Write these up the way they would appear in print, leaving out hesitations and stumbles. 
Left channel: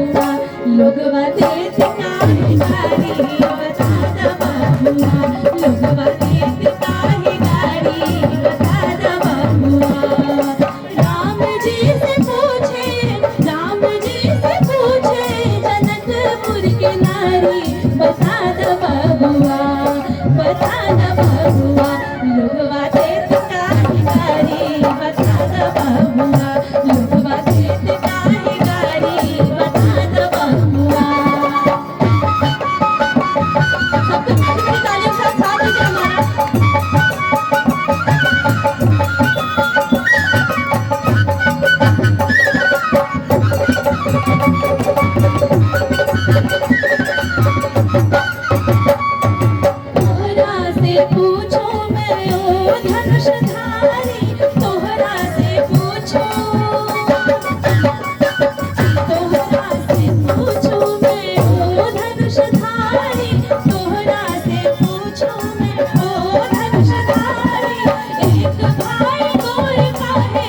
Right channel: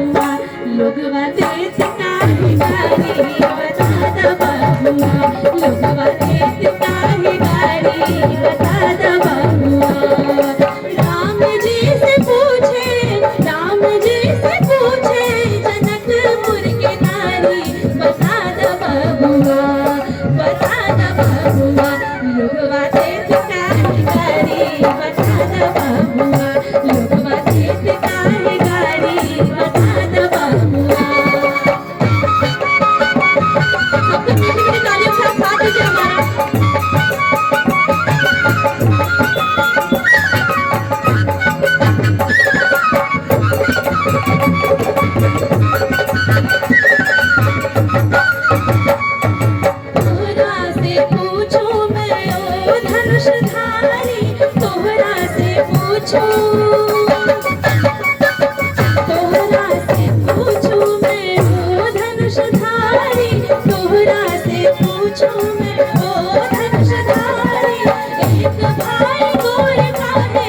बबुआ लोगवा देत काहे गारी बता द बबुआ लोगवा देत काहे गारी बता द बबुआ राम जी से पूछे जनकपुर के नारी बता द बबुआ लोगवा देत काहे गारी बता द बबुआ लोगवा देत काहे गारी बता द बबुआ तोहरा से पूछो मैं ओ धनुषधारी तोहरा से पूछो मैं ओ धनुषधारी तोहरा से पूछो मैं ओ धनुषधारी एक भाई गोर काहे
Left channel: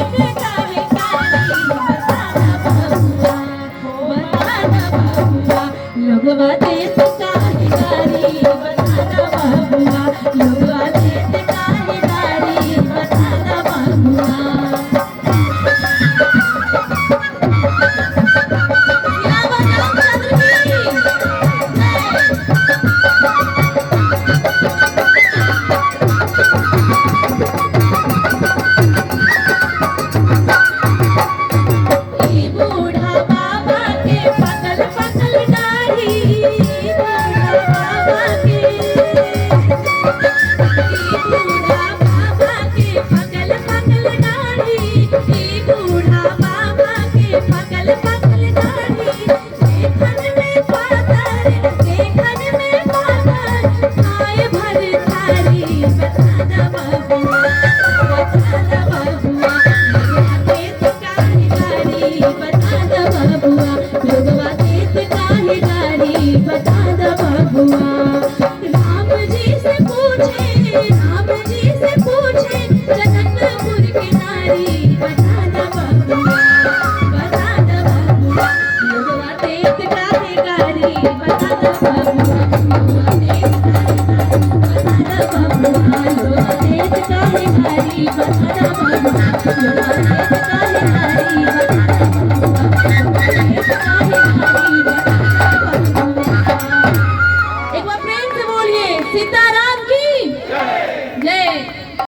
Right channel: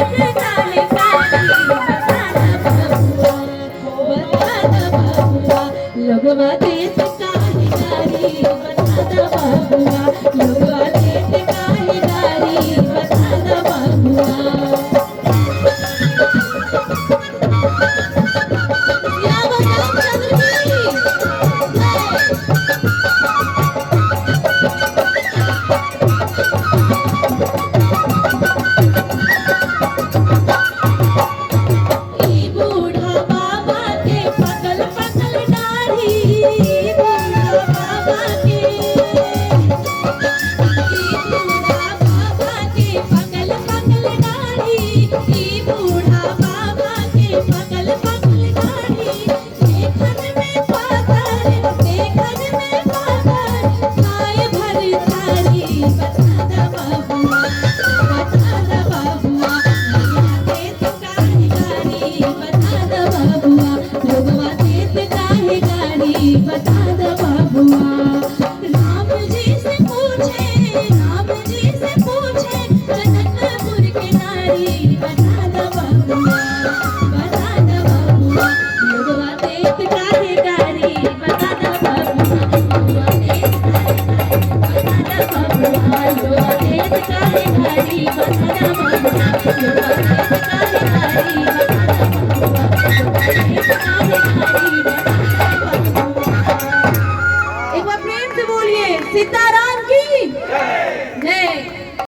एक काहे काली बता बबुआ लोगवा देत काहे गारी बता द बबुआ लोगवा देत काहे गारी बता द बबुआ या बताओ बूढ़ा बाबा के पकल पकल दाढ़ी बूढ़ा बाबा के पकल पकल दाढ़ी बूढ़ा बाबा के पकल पकल दाढ़ी देखन में पातर खाए भर थारी बता द बबुआ लोगवा देत काहे गारी बता द बबुआ राम जी से पूछे जनकपुर के नारी बता द बबुआ लोगवा देत काहे गारी बता द बबुआ लोगवा देत काहे गारी बता द बबुआ लोगवा देत काहे गारी बता द बबुआ एक बार प्रेम से बोलिए सीताराम की